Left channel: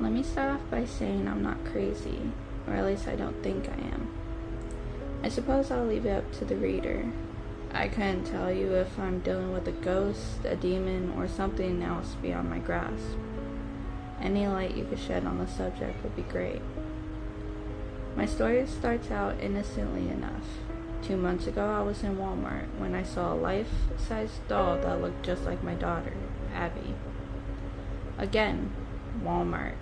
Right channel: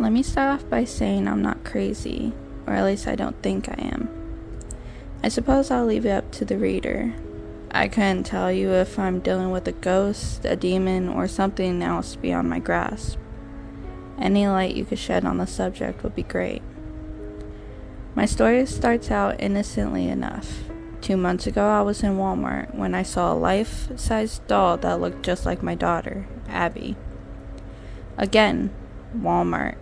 Let me start off by saying I'm not crazy, or at least I don't think I am. I suppose I'll leave it up to the reader. I couldn't tell you if I'm dealing with a ghost, a demon, or something else beyond my grasp. Any light you could shed on the subject would be great. My story starts out innocently enough. 2 months ago, I was in Walmart when I saw a life-size doll that looked just like my daughter, Abby. Again, Walmart.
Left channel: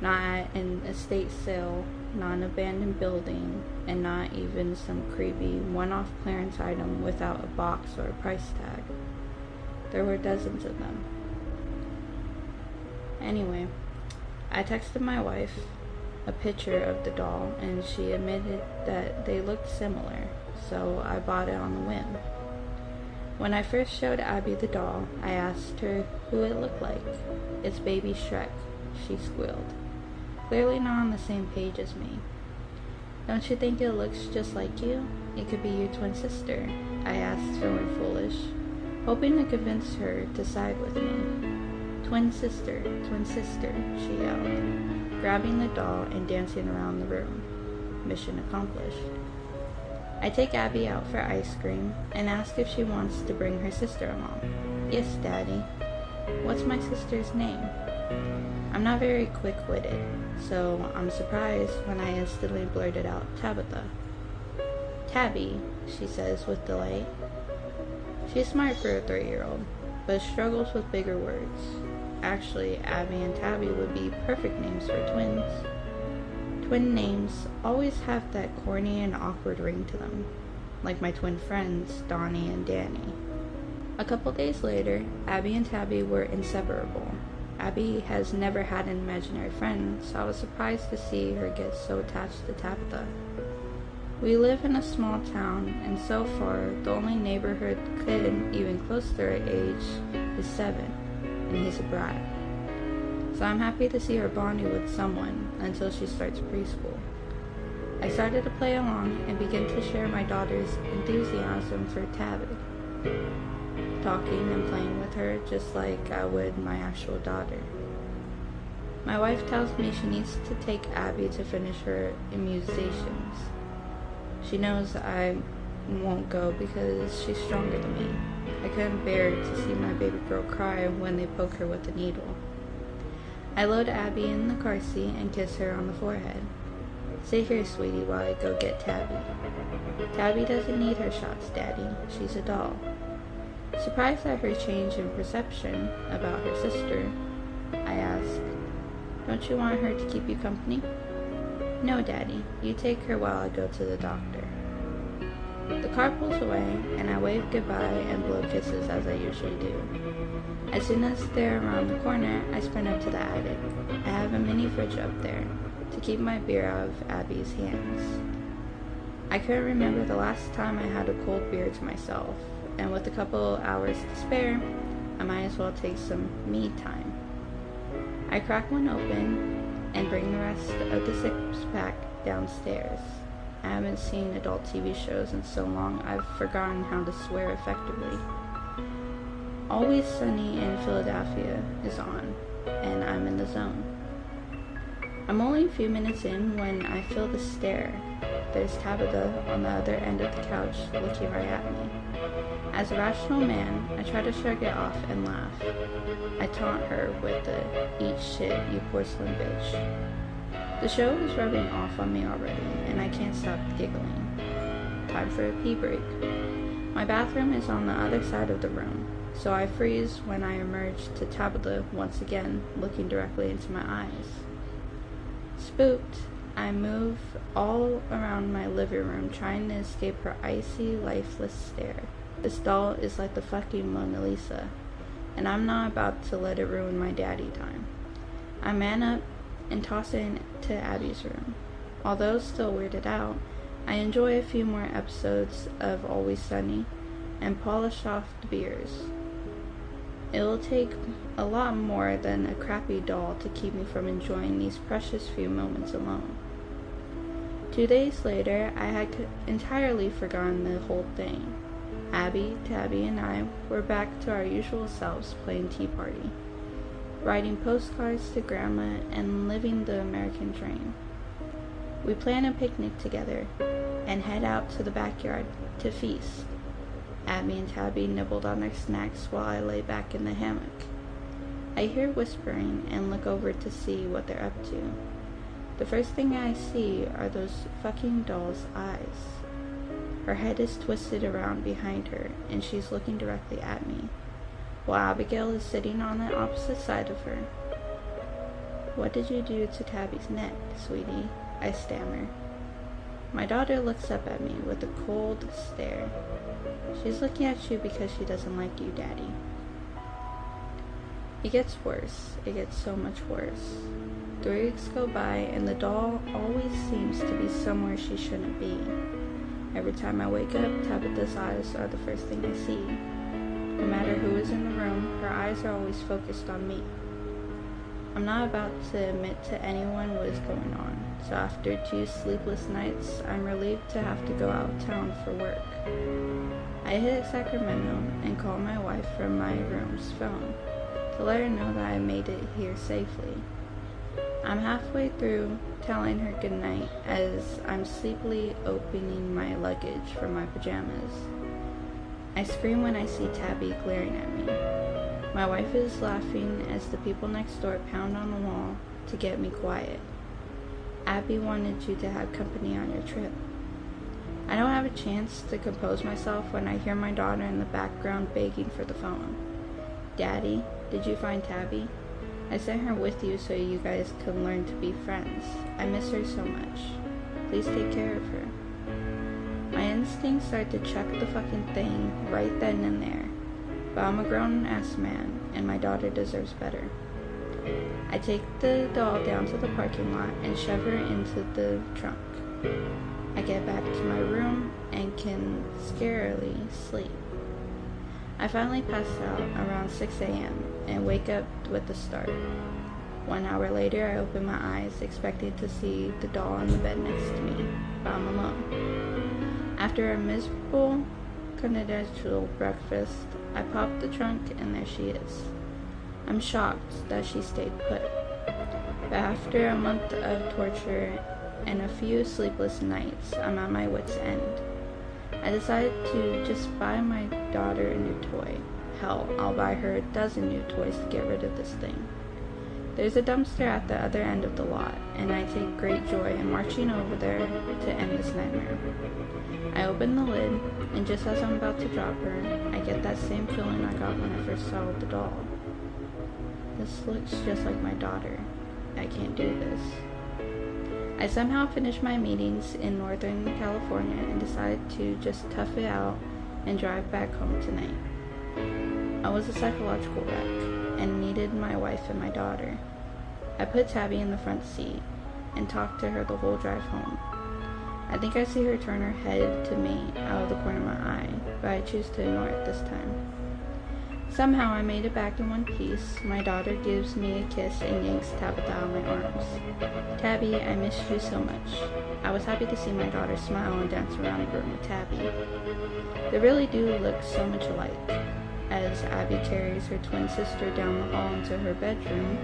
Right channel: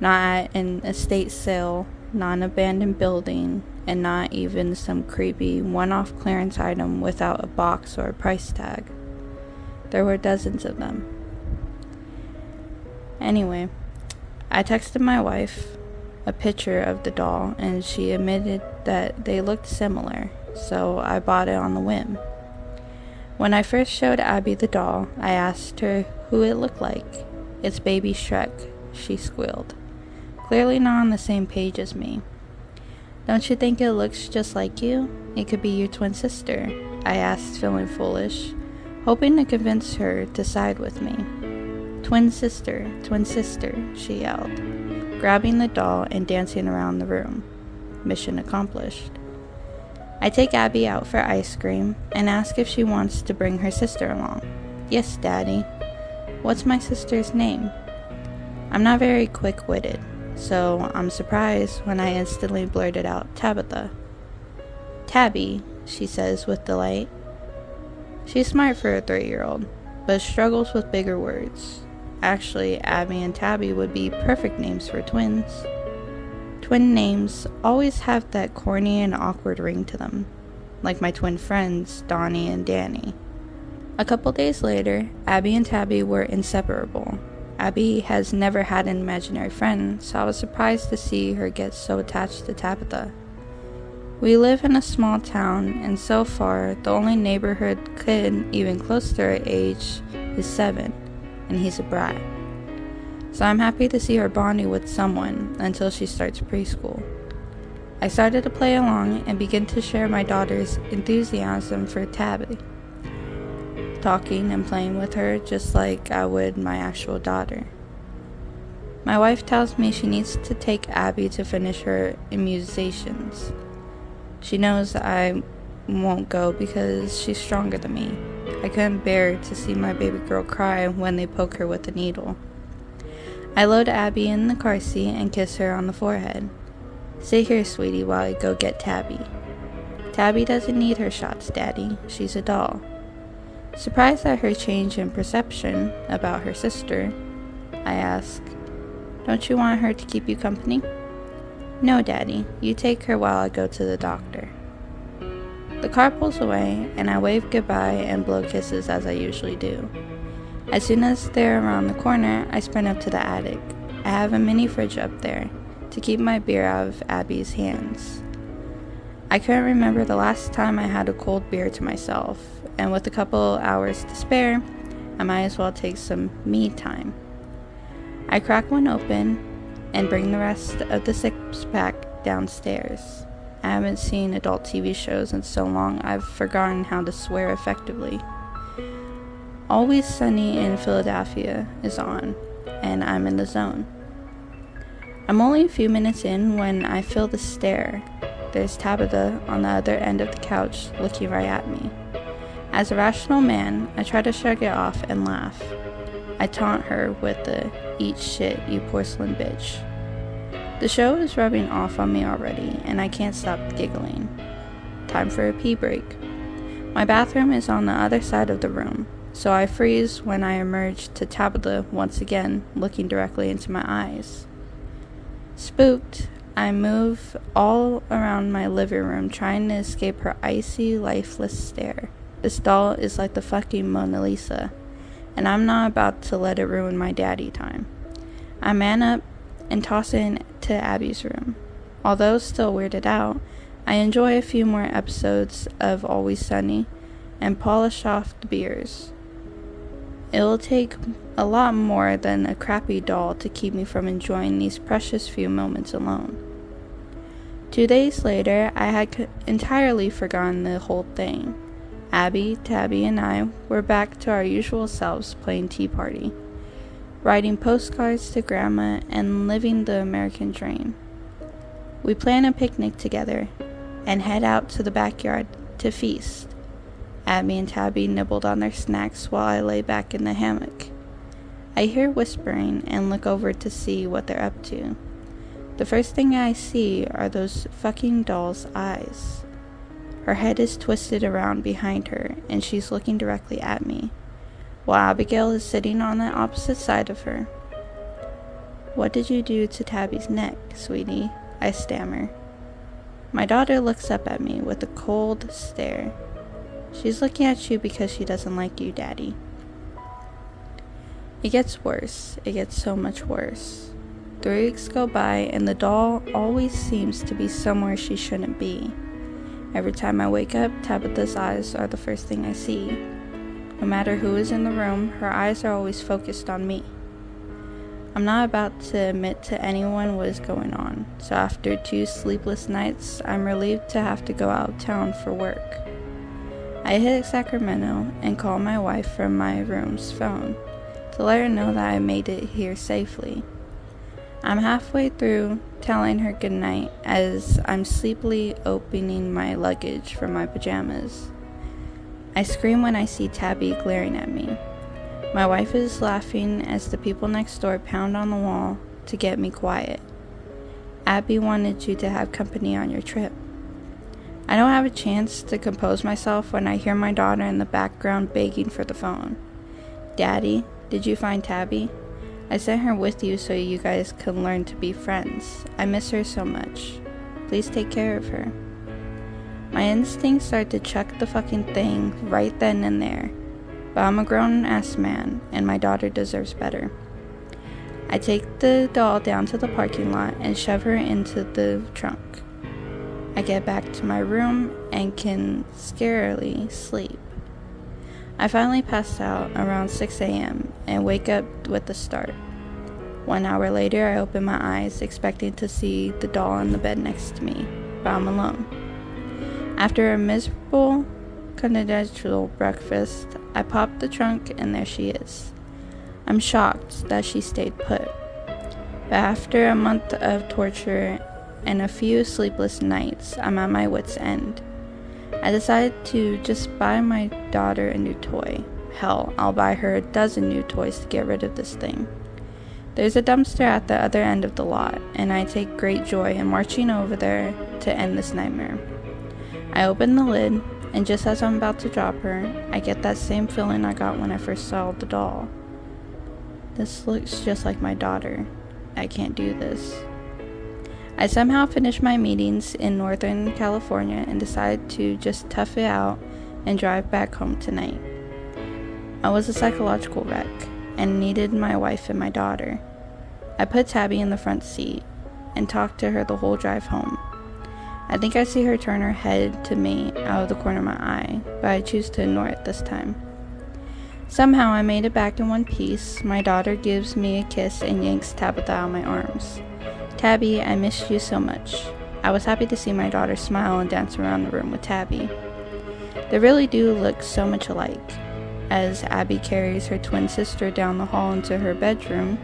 Not at an estate sale, not an abandoned building, and not even some creepy one-off clearance item without a box or a price tag. There were dozens of them. Anyway, I texted my wife a picture of the doll, and she admitted that they looked similar, so I bought it on the whim. When I first showed Abby the doll, I asked her who it looked like. "It's baby Shrek," she squealed. Clearly not on the same page as me. "Don't you think it looks just like you? It could be your twin sister," I asked, feeling foolish, hoping to convince her to side with me. Twin sister," she yelled, grabbing the doll and dancing around the room. Mission accomplished. I take Abby out for ice cream and ask if she wants to bring her sister along. "Yes, Daddy." "What's my sister's name?" I'm not very quick-witted, so I'm surprised when I instantly blurted out Tabitha. "Tabby," she says with delight. She's smart for a 3-year-old, but struggles with bigger words. Actually, Abby and Tabby would be perfect names for twins. Twin names always have that corny and awkward ring to them, like my twin friends, Donnie and Danny. A couple days later, Abby and Tabby were inseparable. Abby has never had an imaginary friend, so I was surprised to see her get so attached to Tabitha. We live in a small town, and so far, the only neighborhood kid even close to her age is 7, and he's a brat. So I'm happy to see her bonding with someone until she starts preschool. I started to play along and begin to share my daughter's enthusiasm for Tabby, talking and playing with her just like I would my actual daughter. My wife tells me she needs to take Abby to finish her immunizations. She knows I won't go because she's stronger than me. I couldn't bear to see my baby girl cry when they poke her with a needle. I load Abby in the car seat and kiss her on the forehead. "Sit here, sweetie, while I go get Tabby." "Tabby doesn't need her shots, Daddy. She's a doll." Surprised at her change in perception about her sister, I ask, "Don't you want her to keep you company?" "No, Daddy. You take her while I go to the doctor." The car pulls away, and I wave goodbye and blow kisses as I usually do. As soon as they're around the corner, I sprint up to the attic. I have a mini fridge up there to keep my beer out of Abby's hands. I couldn't remember the last time I had a cold beer to myself, and with a couple hours to spare, I might as well take some me time. I crack one open and bring the rest of the 6-pack downstairs. I haven't seen adult TV shows in so long I've forgotten how to swear effectively. Always Sunny in Philadelphia is on, and I'm in the zone. I'm only a few minutes in when I feel the stare. There's Tabitha on the other end of the couch looking right at me. As a rational man, I try to shrug it off and laugh. I taunt her with the "eat shit, you porcelain bitch." The show is rubbing off on me already, and I can't stop giggling. Time for a pee break. My bathroom is on the other side of the room, so I freeze when I emerge to Tabitha once again, looking directly into my eyes. Spooked, I move all around my living room trying to escape her icy, lifeless stare. This doll is like the fucking Mona Lisa, and I'm not about to let it ruin my daddy time. I man up and toss it into Abby's room. Although still weirded out, I enjoy a few more episodes of Always Sunny and polish off the beers. It will take a lot more than a crappy doll to keep me from enjoying these precious few moments alone. 2 days later, I had entirely forgotten the whole thing. Abby, Tabby, and I were back to our usual selves playing Tea Party. writing postcards to Grandma, and living the American dream. We plan a picnic together and head out to the backyard to feast. Abby and Tabby nibbled on their snacks while I lay back in the hammock. I hear whispering and look over to see what they're up to. The first thing I see are those fucking doll's eyes. Her head is twisted around behind her, and she's looking directly at me, while Abigail is sitting on the opposite side of her. "What did you do to Tabby's neck, sweetie?" I stammer. My daughter looks up at me with a cold stare. "She's looking at you because she doesn't like you, Daddy." It gets worse. It gets so much worse. 3 weeks go by, and the doll always seems to be somewhere she shouldn't be. Every time I wake up, Tabitha's eyes are the first thing I see. No matter who is in the room, her eyes are always focused on me. I'm not about to admit to anyone what is going on, so after 2 sleepless nights, I'm relieved to have to go out of town for work. I hit Sacramento and call my wife from my room's phone to let her know that I made it here safely. I'm halfway through telling her goodnight as I'm sleepily opening my luggage from my pajamas. I scream when I see Tabby glaring at me. My wife is laughing as the people next door pound on the wall to get me quiet. "Abby wanted you to have company on your trip." I don't have a chance to compose myself when I hear my daughter in the background begging for the phone. "Daddy, did you find Tabby? I sent her with you so you guys can learn to be friends. I miss her so much. Please take care of her." My instincts are to chuck the fucking thing right then and there, but I'm a grown-ass man, and my daughter deserves better. I take the doll down to the parking lot and shove her into the trunk. I get back to my room and can scarcely sleep. I finally pass out around 6 a.m. and wake up with a start. 1 hour later, I open my eyes, expecting to see the doll in the bed next to me, but I'm alone. After a miserable continental breakfast, I pop the trunk and there she is. I'm shocked that she stayed put. But after a month of torture and a few sleepless nights, I'm at my wit's end. I decided to just buy my daughter a new toy. Hell, I'll buy her a dozen new toys to get rid of this thing. There's a dumpster at the other end of the lot, and I take great joy in marching over there to end this nightmare. I open the lid, and just as I'm about to drop her, I get that same feeling I got when I first saw the doll. This looks just like my daughter. I can't do this. I somehow finished my meetings in Northern California and decided to just tough it out and drive back home tonight. I was a psychological wreck and needed my wife and my daughter. I put Tabby in the front seat and talked to her the whole drive home. I think I see her turn her head to me out of the corner of my eye, but I choose to ignore it this time. Somehow I made it back in one piece. My daughter gives me a kiss and yanks Tabitha out of my arms. "Tabby, I missed you so much." I was happy to see my daughter smile and dance around the room with Tabby. They really do look so much alike. As Abby carries her twin sister down the hall into her bedroom,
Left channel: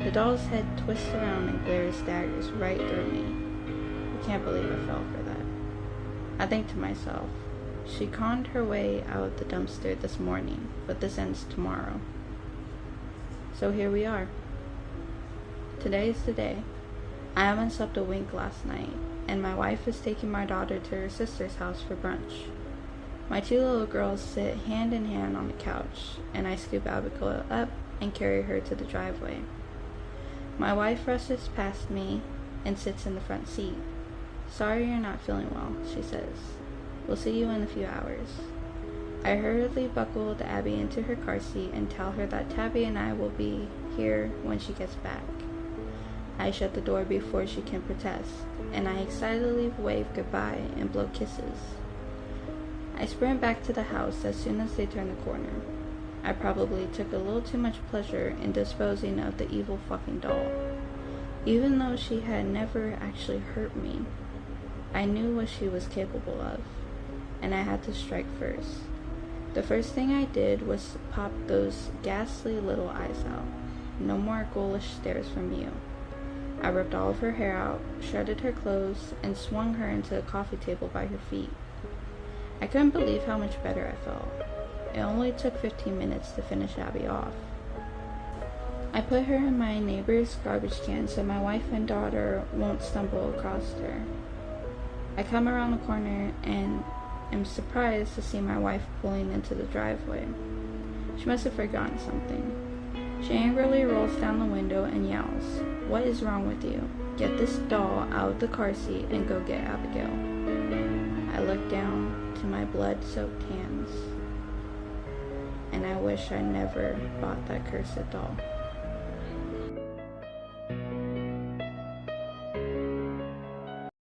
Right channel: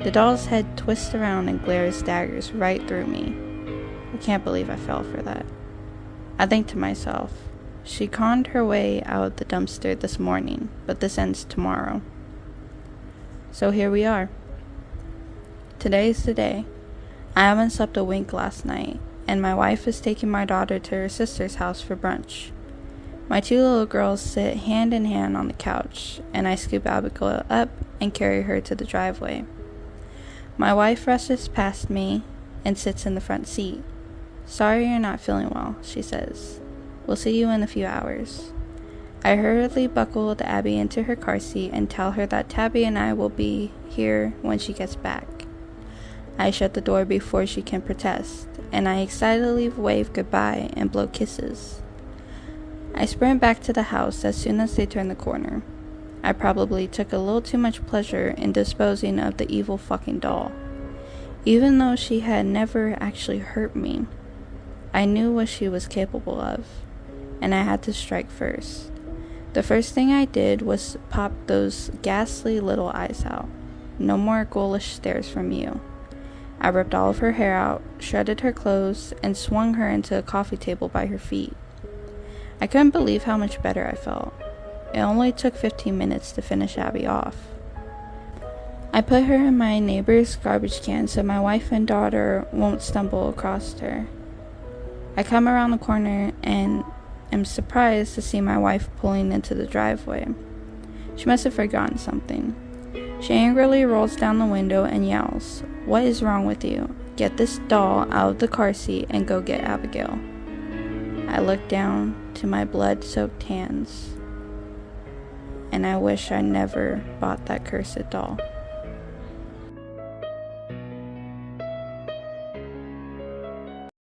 the doll's head twists around and glares daggers right through me. I can't believe I fell for that. I think to myself, she conned her way out of the dumpster this morning, but this ends tomorrow. So here we are. Today's the day. I haven't slept a wink last night, and my wife is taking my daughter to her sister's house for brunch. My 2 little girls sit hand in hand on the couch, and I scoop Abigail up and carry her to the driveway. My wife rushes past me and sits in the front seat. "Sorry you're not feeling well," she says. "We'll see you in a few hours." I hurriedly buckled Abby into her car seat and tell her that Tabby and I will be here when she gets back. I shut the door before she can protest, and I excitedly wave goodbye and blow kisses. I sprint back to the house as soon as they turn the corner. I probably took a little too much pleasure in disposing of the evil fucking doll. Even though she had never actually hurt me, I knew what she was capable of, and I had to strike first. The first thing I did was pop those ghastly little eyes out. No more ghoulish stares from you. I ripped all of her hair out, shredded her clothes, and swung her into a coffee table by her feet. I couldn't believe how much better I felt. It only took 15 minutes to finish Abby off. I put her in my neighbor's garbage can so my wife and daughter won't stumble across her. I come around the corner and am surprised to see my wife pulling into the driveway. She must have forgotten something. She angrily rolls down the window and yells, "What is wrong with you? Get this doll out of the car seat and go get Abigail." I look down to my blood-soaked hands, and I wish I never bought that cursed doll.